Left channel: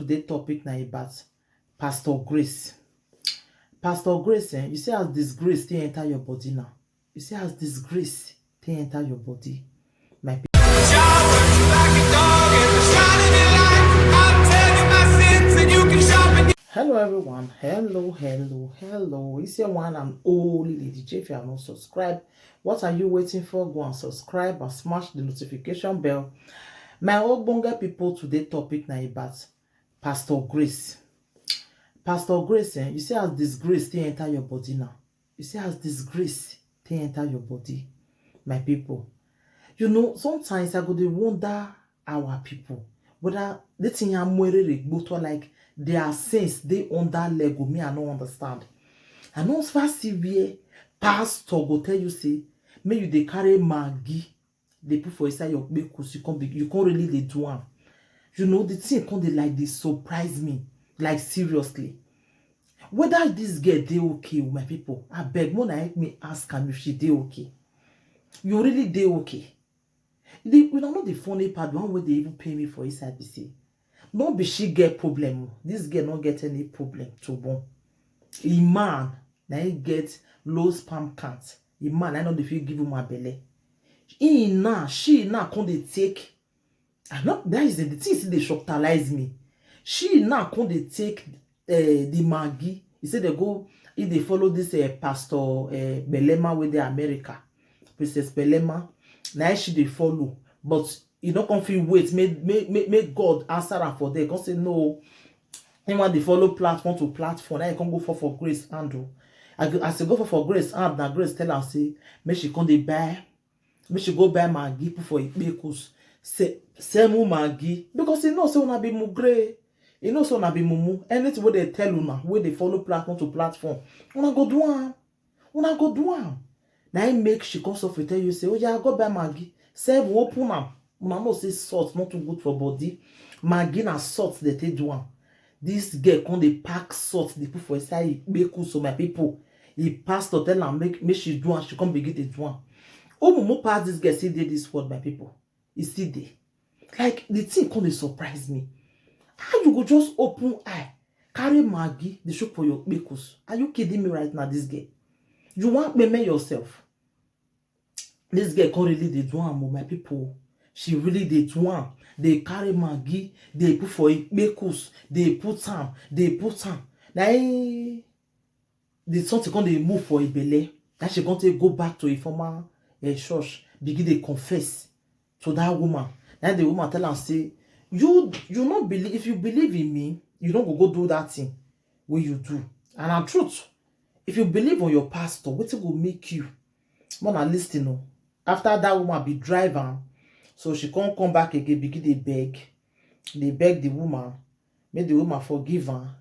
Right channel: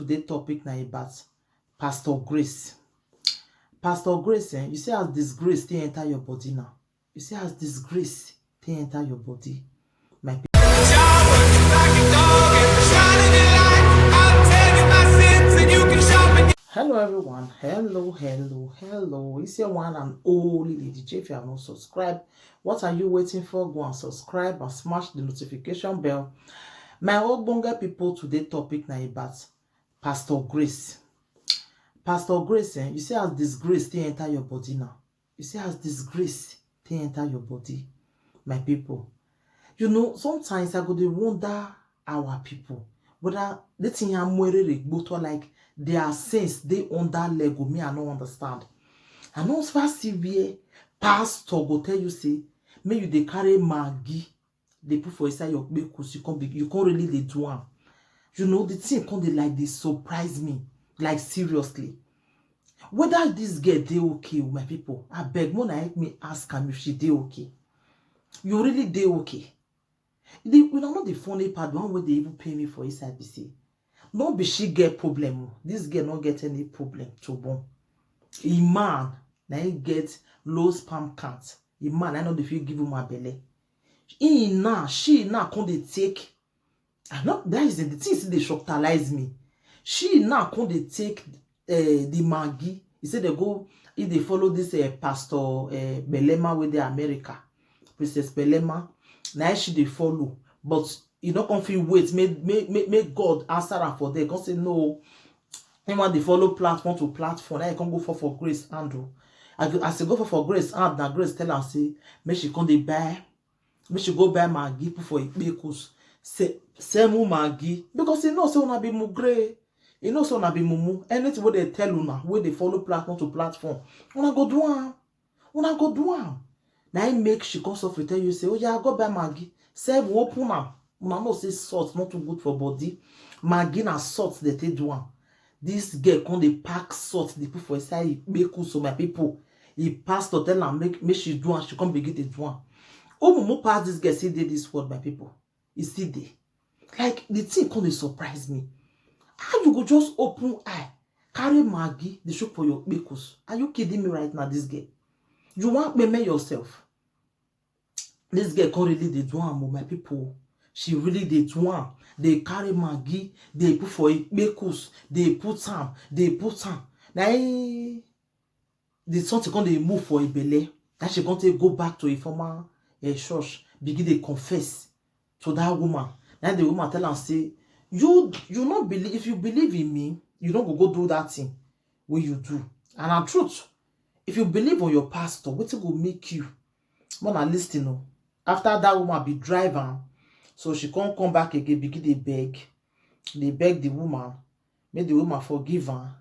Today's topic now about Pastor Grace. Pastor Grace, you see as disgrace they enter your body now. You see as disgrace they enter your body. My people. Hello everyone. Hello. It's your one and only Lady J. If you have not subscribed, what are you waiting for? Go and subscribe and smash the notification bell. My ogbonge people, today topic now about Pastor Grace. Pastor Grace, you see as disgrace they enter your body now. You see as disgrace they enter your body. My people. You know, sometimes I go to wonder our people. Whether the thing I'm like their sense they under Lego. Me, I don't understand. I know first see where pastor go tell you say, may you they carry Maggi, they put for inside your because you can't really they do one. You know, the thing can't they like they surprise me. Like seriously. Whether this girl they okay with my people, I beg more help me ask him if she they okay. You really they okay. You know not the funny part, one way they even pay me for his IBC. Not be she get problem. This girl not get any problem to born. A man now he get low sperm count. A man I know if you give him my belly. She now can they take. I know that is the thing they shocktalize me. She now can they take the Maggi. He said they go if they follow this Pastor Belema with the America. Princess Belema. Now she they follow. But you don't come feel wait. Make God answer her for them. Can't say no. Anyone they follow platform to platform. Now you can go for Grace Andrew. I say go for Grace and now Grace tell her say make she come they buy. Make she go buy Maggi for it because say mu Maggi because you know say una be mugre. You know, so na be mumu. Anything where they tell you now, where they follow platform to platform, una go do am. Una go do am. Now I make she comes off with tell you say, oh yeah, go buy Maggi. Say open am. Una know say salt not too good for body. Maggi na salt they take do am. This girl come they pack salt they put for inside beku so my people. He pastor tell am make she do am. She come begin to do am. Oh mumu pass this girl see this word my people. He see there. Like the thing come they surprise me. How you go just open eye, carry Maggi, the show for your bakers? Are you kidding me right now, this girl? You want me yourself? This girl can't really they do am, my people. She really they do am. They carry Maggi, they put for it bakers, they put am. Now the something can they move for a belly. That she can't go back to a former church, begin they confess to that woman. Now the woman tell her say, you not believe. If you believe in me, you don't go do that thing where you do. And I'm truth. If you believe on your pastor, what will make you more than listen? After that woman be driving, so she can't come back again. Begin they beg the woman, make the woman forgive her.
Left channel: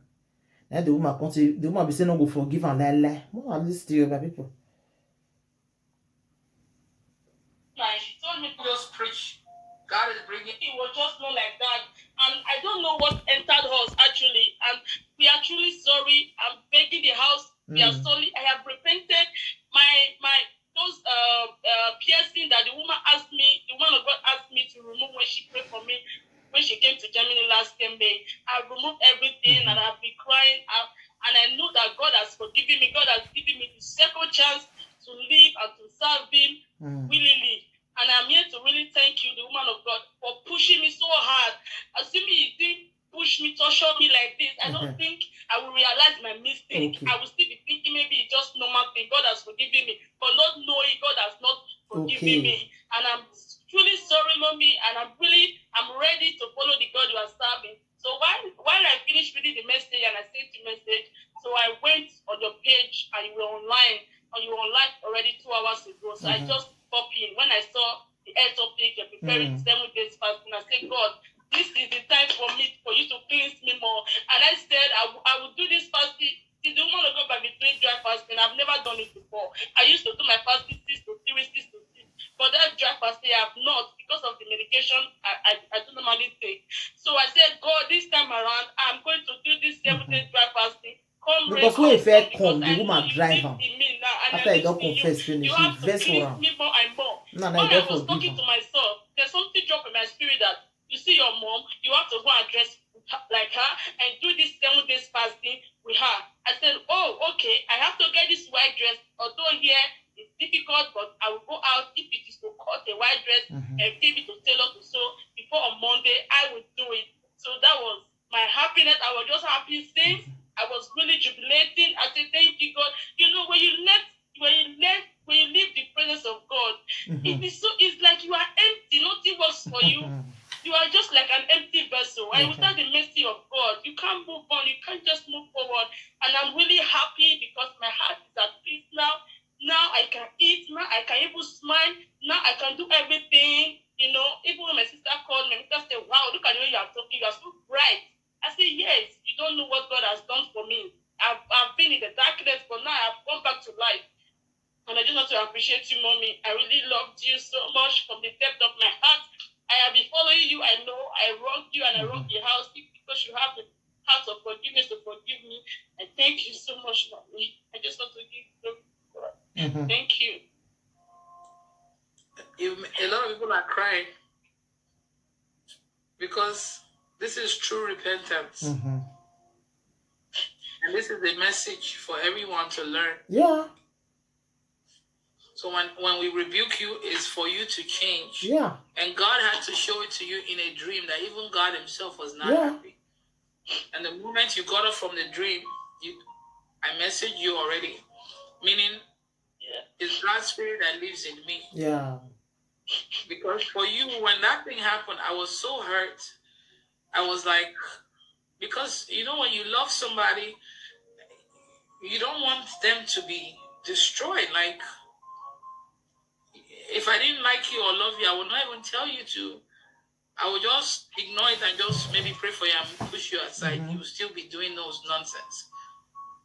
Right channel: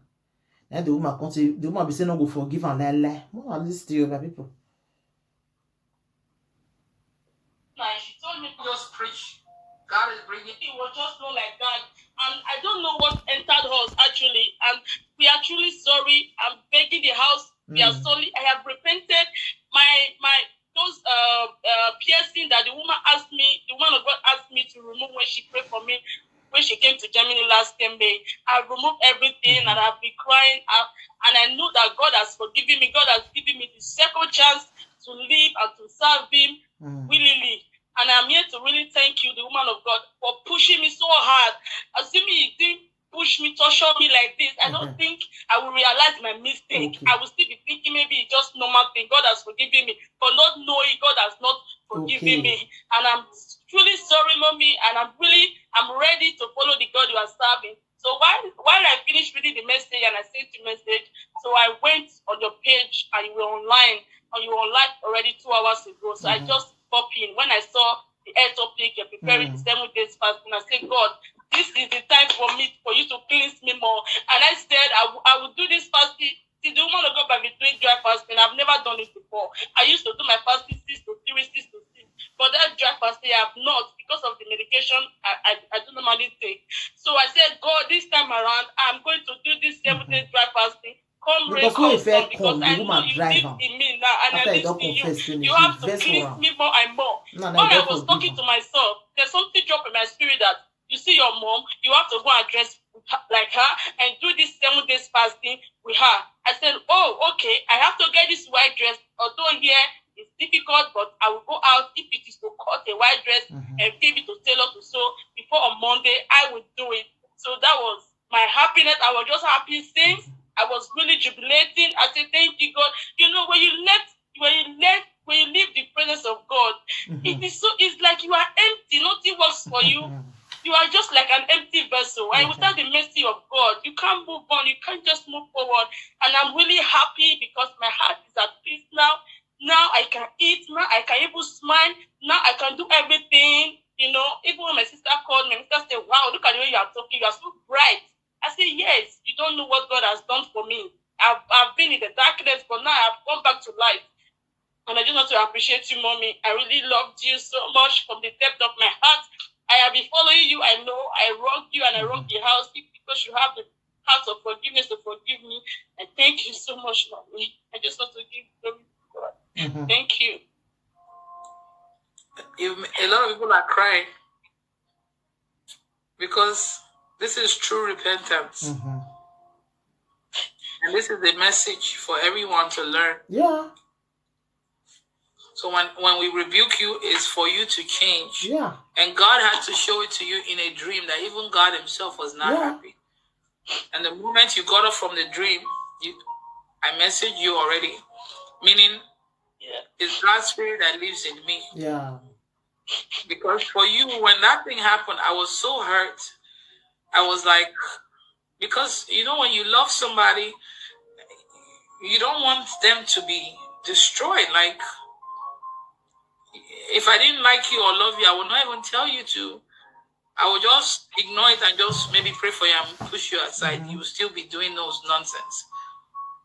Then the woman can't say the woman be saying no go forgive her lie. More than listen to you, people. She told me to just preach. God is bringing. It was just not like that, and I don't know what entered us actually. And we are truly sorry. I'm begging the house. We are sorry. I have repented. My those piercing that the woman asked me, the woman of God asked me to remove when she prayed for me when she came to Germany last May. I removed everything and I've been crying. And I know that God has forgiven me. God has given me the second chance to live and to serve Him willingly. And I'm here to really thank you, the woman of God, for pushing me so hard. Assuming you didn't push me, torture me like this, I don't think I will realize my mistake. Okay. I will still be thinking maybe it's just normal thing. God has forgiven me. For not knowing, God has not forgiven me. And I'm truly sorry, mommy. And I'm ready to follow the God you are serving. So while I finished reading the message and I sent the message, so I went on your page and you were online. And you were online already 2 hours ago. So I just pop in. When I saw the air topic, you're preparing 7 days fast, and I said, God, this is the time for you to cleanse me more. And I said, I will do this fasting. See, the woman of God by doing dry fasting. I've never done it before. I used to do my fasting 6 to 3, 6 to 6. But that dry fasting, I have not because of the medication I don't normally take. So I said, God, this time around, I'm going to do this 7 days dry fasting. Because when if I come, the woman drive him. After I don't confess, finish. You have to please me more and more. When I was talking to myself, there's something dropped in my spirit that you see your mom, you have to go and dress like her, and do this 7 days fasting with her. I said, oh, okay, I have to get this white dress. Although here it's difficult, but I will go out if it is to cut a white dress and give it to tailor to sew before on Monday, I will do it. So that was my happiness. I was just happy since I was really jubilating. I said, thank you, God. You know, when you leave the presence of God, it's like you are empty. Nothing works for you. You are just like an empty vessel. And without the mercy of God, you can't move on. You can't just move forward. And I'm really happy because my heart is at peace now. Now I can eat. Now I can even smile. Now I can do everything. You know, even when my sister called me, my sister said, wow, look at the way you are talking. You are so bright. I said, yes, you don't know what God has done for me. I've been in the darkness, but now I've come back to life. And I just want to appreciate you, Mommy. I really loved you so much from the depth of my heart. I have been following you. I know I wronged you and I wronged the house because you have the heart of forgiveness to forgive me. And thank you so much, Mommy. I just want to give glory to God. Thank you. A lot of people are crying because this is true repentance. And this is a message for everyone to learn. Yeah. So when we rebuke you, it's for you to change. Yeah. And God had to show it to you in a dream that even God himself was not happy. And the moment you got up from the dream, I messaged you already. Meaning, it's God's spirit that lives in me. Yeah. Because for you, when that thing happened, I was so hurt. I was like, because, you know, when you love somebody, you don't want them to be destroyed. Like, if I didn't like you or love you, I would not even tell you to. I would just ignore it and just maybe pray for you and push you aside. You will still be doing those nonsense.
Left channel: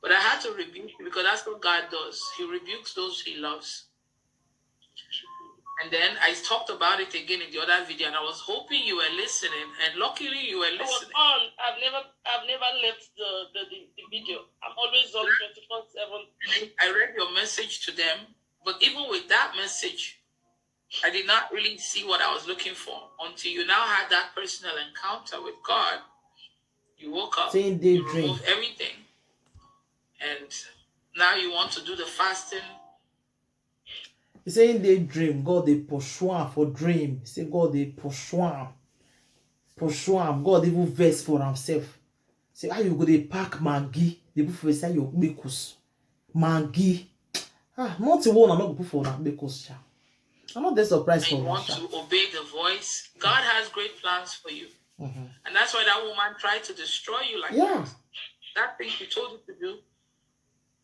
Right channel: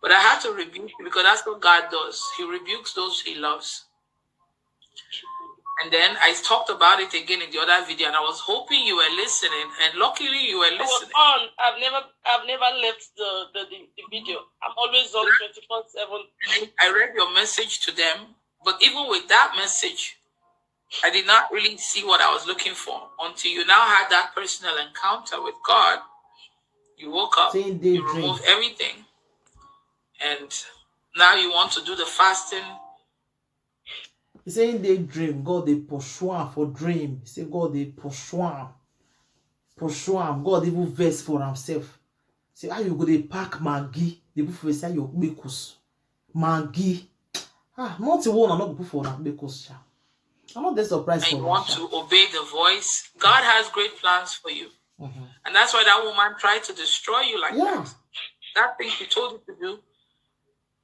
But I had to rebuke you because that's what God does. He rebukes those he loves. And then I talked about it again in the other video, and I was hoping you were listening, and luckily you were listening. I was on. I've never left the video. I'm always on 24/7. I read your message to them, but even with that message, I did not really see what I was looking for until you now had that personal encounter with God. You woke up, you removed everything, and now you want to do the fasting. He saying they dream, God they pursue him for dream. He say God they pursue him. God even verse for himself. Say how you go they pack Maggi. The people say you because Maggi. Not the one I'm not put for that because I'm not that surprised for you want to obey the voice. God has great plans for you. And that's why that woman tried to destroy you like that. That thing she told you to do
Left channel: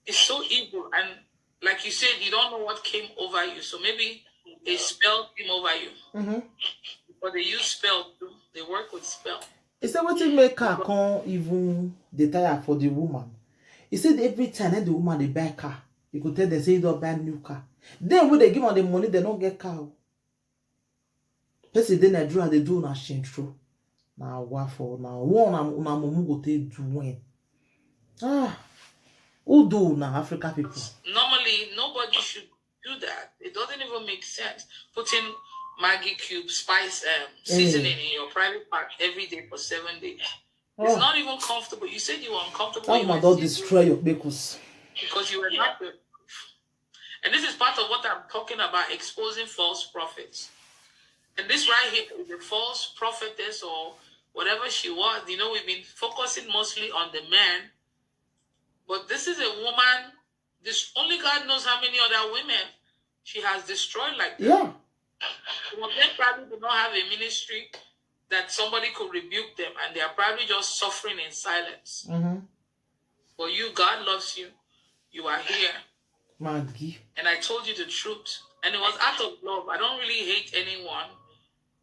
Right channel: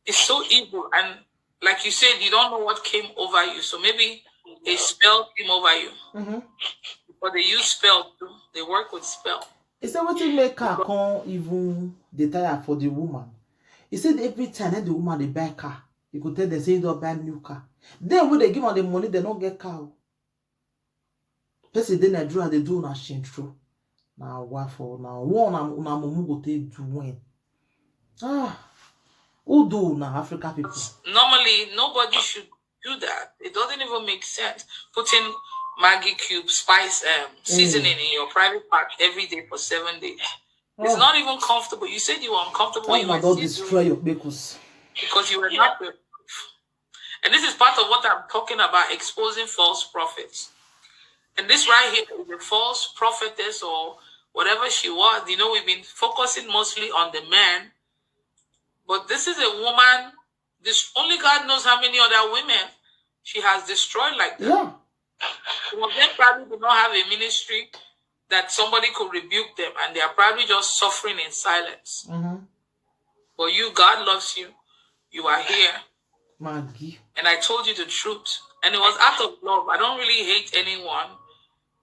is so evil. And like you said, you don't know what came over you. So maybe a spell came over you. But they use spell too. They work with spell. He said, what make her can't even detire for the woman? He said every time that the woman they buy car, you could tell them say you don't buy new car. Then when they give her the money, they don't get car. Person then I drew and they do not change through. Now what for now? One na mumu go take do when. Who do now African people? Normally, nobody should do that. It doesn't even make sense. Putting Maggi cube, spice, seasoning in your private part every day for 7 days. It's not even comfortable. You said you were uncomfortable. That woman don't destroy your bakers. Because you were not prepared. And this is part of what I'm talking about, exposing false prophets. And this right here is a false prophetess or whatever she was. You know, we've been focusing mostly on the man. But this is a woman, only God knows how many other women she has destroyed like that. Yeah. Some of them probably do not have a ministry that somebody could rebuke them, and they are probably just suffering in silence. But you, God loves you. You are here. Maggi. And I told you the truth. And it was out of love. I don't really hate anyone.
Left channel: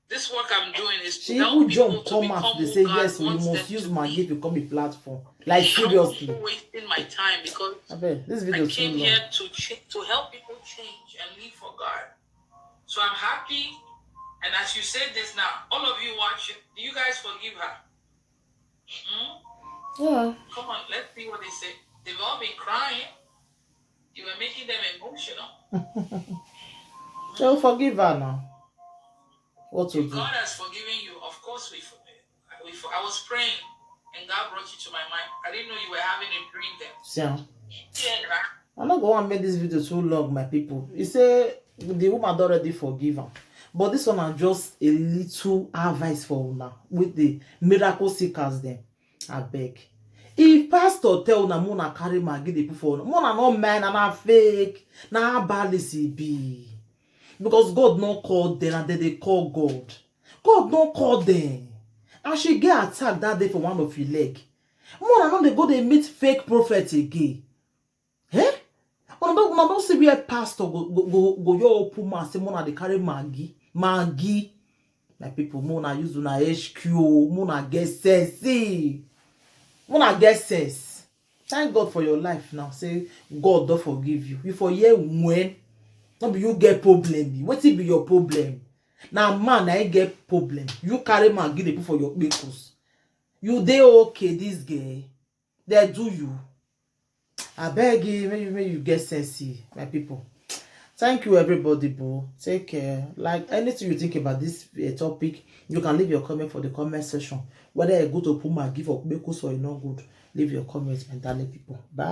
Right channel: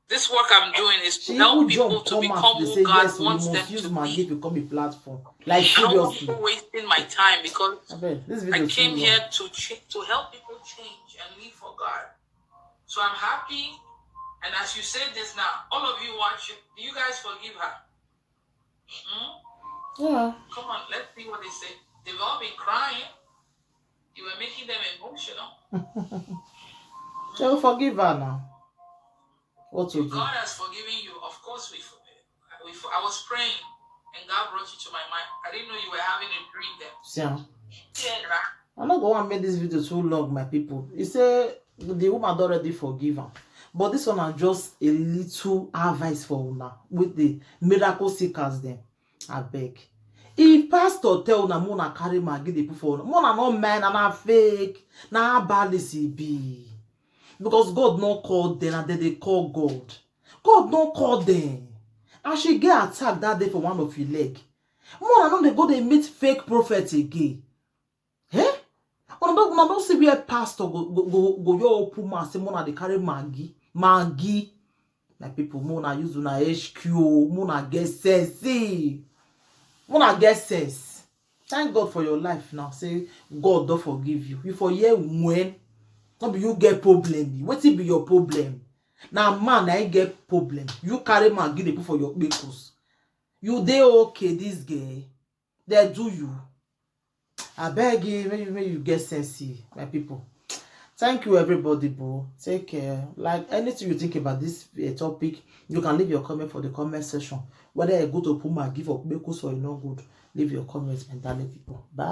This work I'm doing is to help people to become they say who God yes, so you wants must them use to Maggi be. to become a platform. Like I seriously. don't wasting my time because I came here to help people change and live for God. So I'm happy. And as you said this now, all of you watch it. Do you guys forgive her? Yeah. Come on, let's see what they say. They've all been crying. You were making them emotional. They'll forgive her now. What to do? God has forgiven you. Of course, I was praying, and and God brought you to my mind. I didn't know you were having a dream then. See, Yeah. I'm not going to make this video too long, my people. He say the woman already forgive am, but this one is just a little advice for una with the miracle seekers them. I beg. If pastor tell una muna carry Maggi dey put for una, muna no mind and na fake, na balisi be. Because God no call them and then they call God. God no call them. And she get attacked that day for one of your leg. Muna no dey go dey meet fake prophet again. Eh? Una don't see where pastor go your open mouth say muna dey carry Maggi. Maggi. My people, muna use una HQ, muna get sense. Muna get sense. Thank God for your life now. Say God don't forgive you. You for year when no be you get problem. Wetin be your problem? Now man I get problem. You carry Maggi dey put for your pickles. You dey okay this girl. They do you. I beg you, maybe you get sense, my people. Thank you, everybody, bro. Take care. Like anything you think about this topic, you can leave your comment for the comment section. Whether you go to Puma, give up, because or you not good, leave your comments, and darling people. Bye.